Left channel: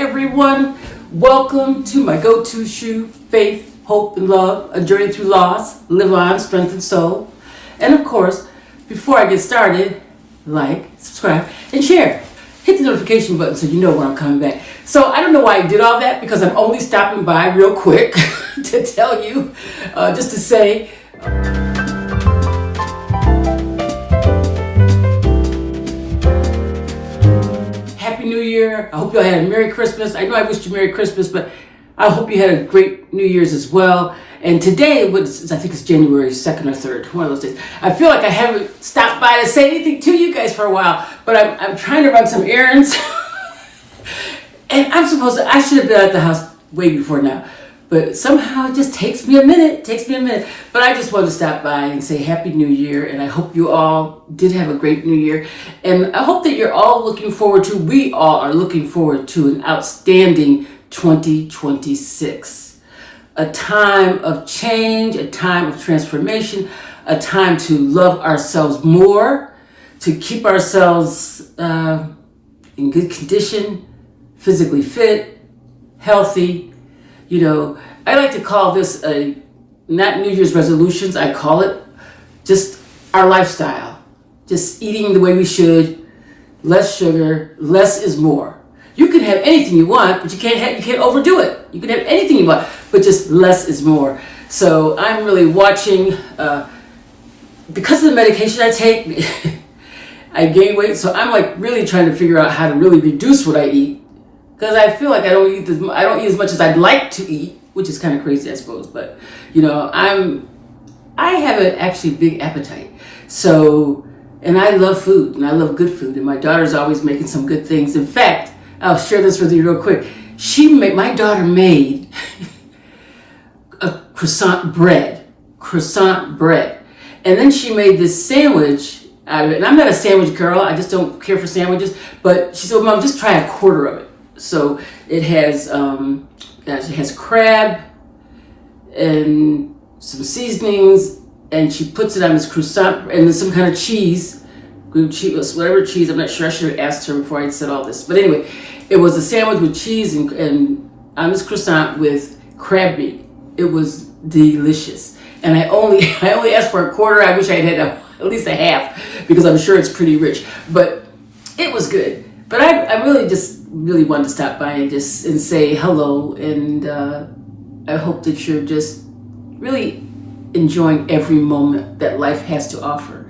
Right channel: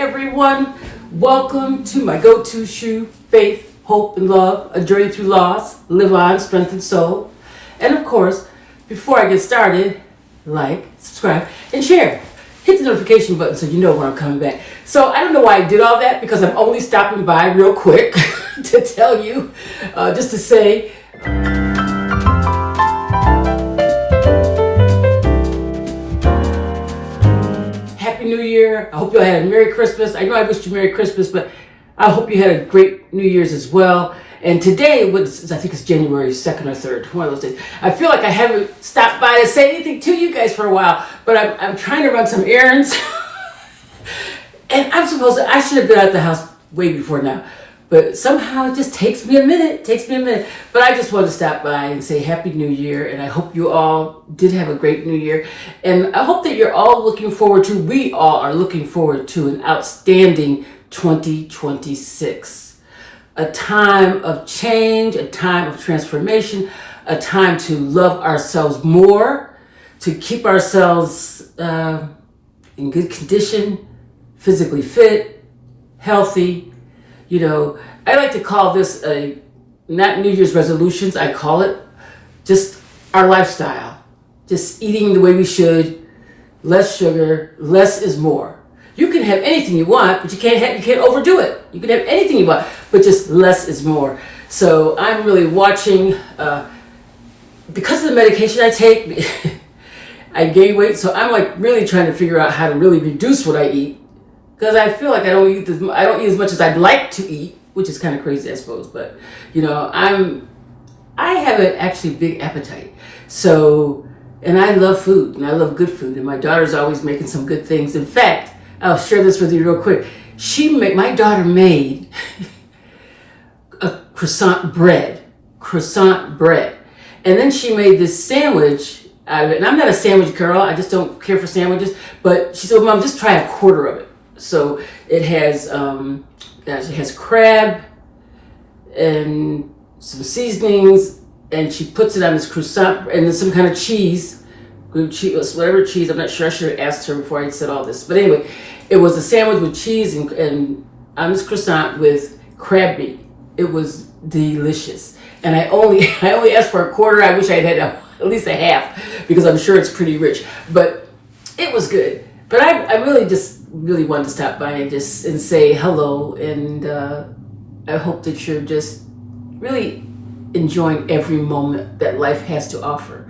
everyone. Welcome to my go-to shoe, Faith, Hope, and Love, a journey through loss, live on, strength, and soul. And of course, before I get started, like, subscribe, and share. Hit the notification button so you know when I'm coming back. So I don't know why I did all that, because I'm only stopping by real quick to tell you, just to say, Happy New Year. I hope you all had a Merry Christmas. I know I wished you Merry Christmas, but I hope you had a great New Year's as well. And today, I think it's January 2nd or 3rd, one of those days. I feel like I haven't stopped by to say anything to you guys for a while, but I'm trying to run some errands. And I should have been at the house way before now. But somehow it just takes me a minute. But I just wanted to stop by and say Happy New Year. And I hope you all did have a great New Year. And I hope that we all are looking forward to an outstanding 2026. A time of change, a time of transformation, a time to love ourselves more, to keep ourselves in good condition, physically fit, healthy. You know, I like to call this not New Year's resolutions. I call it just our lifestyle. Just eating the way we should, less sugar, less is more. You can have anything you want, but you can't overdo it. You can have anything you want, but just less is more. So I'm really watching, because of the medication I take, I gain weight. So I'm like really trying to figure out how to really reduce what I eat. Because I feel like I don't eat as much as I'd like to eat, which is kind of crazy, I suppose. But you know, I have an actually big appetite. So, and I love food, and I love good food, and my daughter's always making some good things. In fact, I'll share this with you real quick. My daughter made a croissant bread, and then she made this sandwich out of it. And I'm not a sandwich girl; I just don't care for sandwiches. But she said, "Mom, just try a quarter of it." So it has crab and some seasonings, and she puts it on this croissant and then some kind of cheese, good cheese, whatever cheese. I'm not sure. I should have asked her before I said all this. But anyway, it was a sandwich with cheese and on this croissant with crab meat. It was delicious, and I only asked for a quarter. I wish I had at least a half, because I'm sure it's pretty rich. But it was good. But I really wanted to stop by and say hello, and I hope that you're just really enjoying every moment that life has to offer.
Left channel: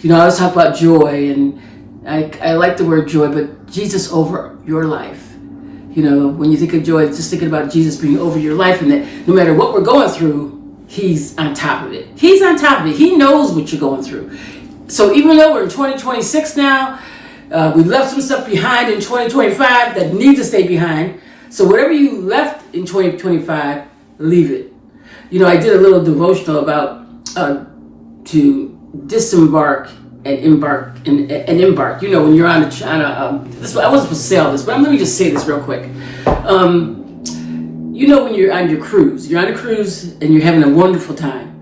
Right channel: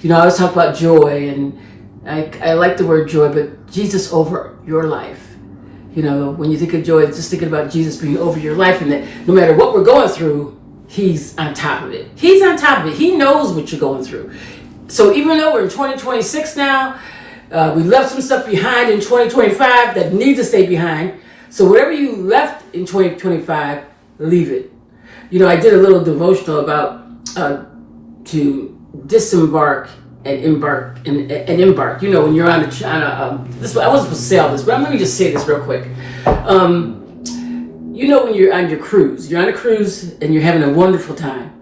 You know, I always talk about joy, and I like the word joy, but Jesus over your life. You know, when you think of joy, just thinking about Jesus being over your life, and that no matter what we're going through, He's on top of it. He's on top of it. He knows what you're going through. So even though we're in 2026 now, we left some stuff behind in 2025 that needs to stay behind. So whatever you left in 2025, leave it. You know, I did a little devotional about to disembark and embark and embark. You know, when you're on a this I wasn't supposed to say all this, but let me just say this real quick. You know, when you're on a cruise and you're having a wonderful time,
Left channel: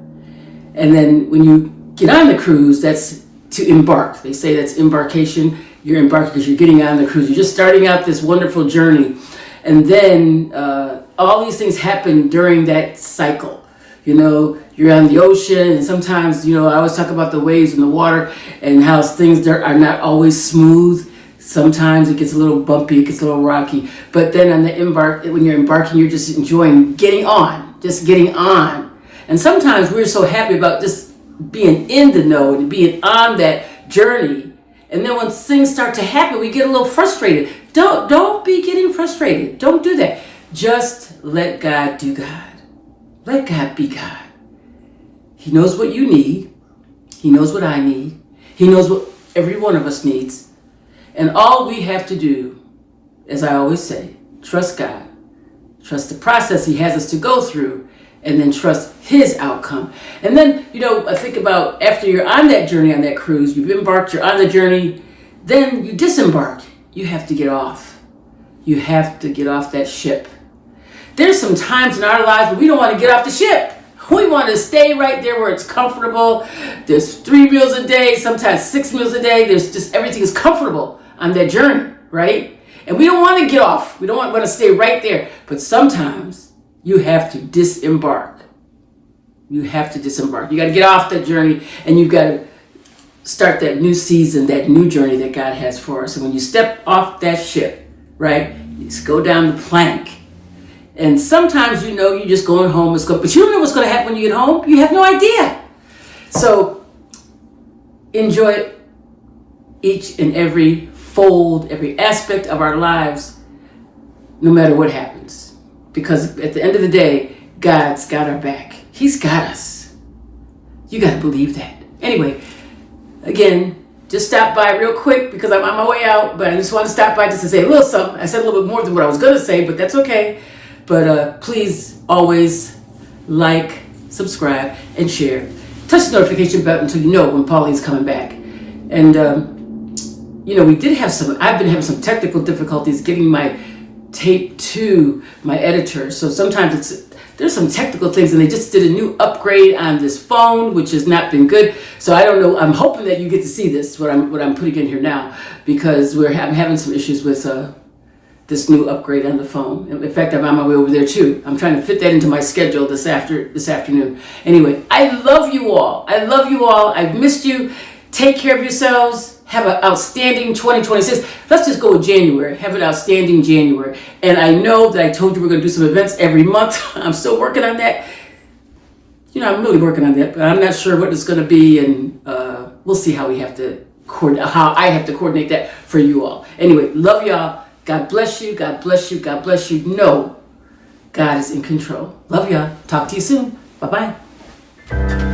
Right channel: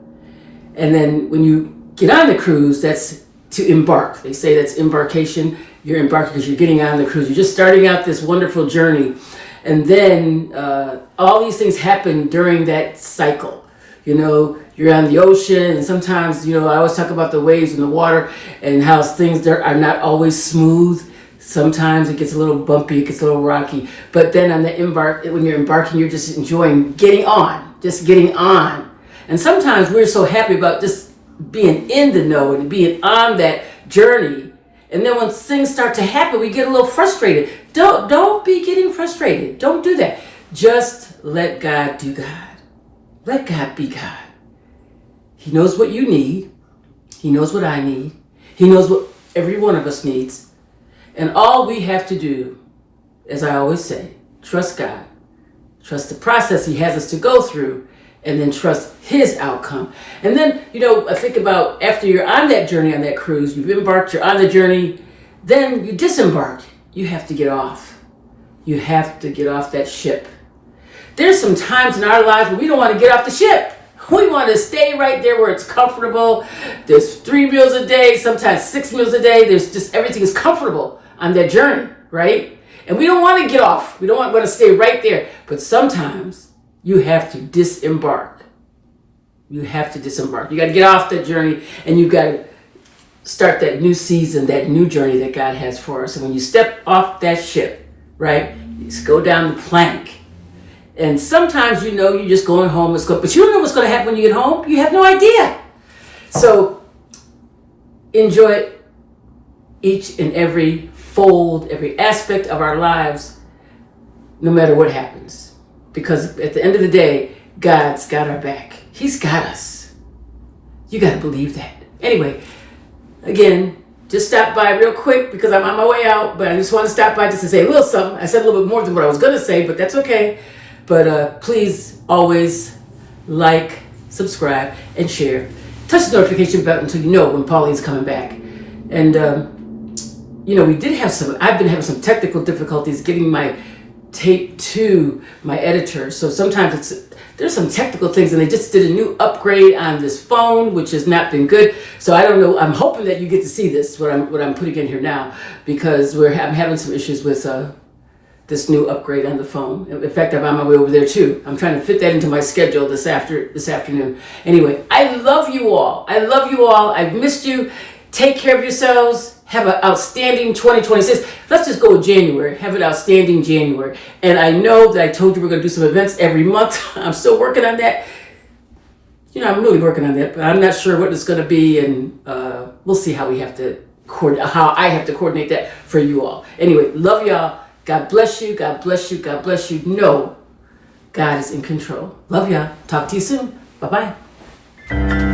and then when you get on the cruise, that's to embark. They say that's embarkation. You're embarking because you're getting on the cruise. You're just starting out this wonderful journey. And then all these things happen during that cycle. You know, you're on the ocean, and sometimes, you know, I always talk about the waves in the water and how things are not always smooth. Sometimes it gets a little bumpy, it gets a little rocky. But then when you're embarking, you're just enjoying getting on. And sometimes we're so happy about just being in the know and being on that journey. And then when things start to happen, we get a little frustrated. Don't be getting frustrated. Don't do that. Just let God do God. Let God be God. He knows what you need. He knows what I need. He knows what every one of us needs. And all we have to do, as I always say, trust God. Trust the process He has us to go through, and then trust His outcome. And then, you know, I think about after you're on that journey, on that cruise, you've embarked, you're on the journey, then you disembark. You have to get off. You have to get off that ship. There's some times in our lives when we don't want to get off the ship. We want to stay right there where it's comfortable. There's 3 meals a day, sometimes 6 meals a day. There's just everything is comfortable on that journey, right? And we don't want to get off. We don't want to stay right there. But sometimes you have to disembark. You have to disembark. You got to get off that journey, and you got to start that new season, that new journey that God has for us. And when you step off that ship, right, you just go down the plank. And sometimes you're just going home. But you don't know what's going to happen when you get home. You have no idea. So enjoy each and every fold, every aspect of our lives, no matter what happens. Because at the end of the day, God's got our back. He's got us. You got to believe that. Anyway, again, just stop by real quick because I'm on my way out, but I just want to stop by just to say a little something. I said a little bit more than what I was going to say, but that's okay. But please always like, subscribe, and share. Touch the notification button so you know when Pauline's coming back. And, I've been having some technical difficulties getting my tape to my editor. So sometimes there's some technical things, and they just did a new upgrade on this phone, which has not been good. So I don't know. I'm hoping that you get to see this, what I'm putting in here now, because I'm having some issues with this new upgrade on the phone. In fact, I'm on my way over there too. I'm trying to fit that into my schedule this afternoon. Anyway, I love you all. I've missed you. Take care of yourselves. Have an outstanding 2026. Let's just go with January. Have an outstanding January. And I know that I told you we're going to do some events every month. I'm still working on that. I'm really working on that, but I'm not sure what it's going to be. And we'll see how I have to coordinate that for you all. Anyway, love y'all. God bless you. God bless you. God bless you. No, God is in control. Love y'all. Talk to you soon. Bye-bye.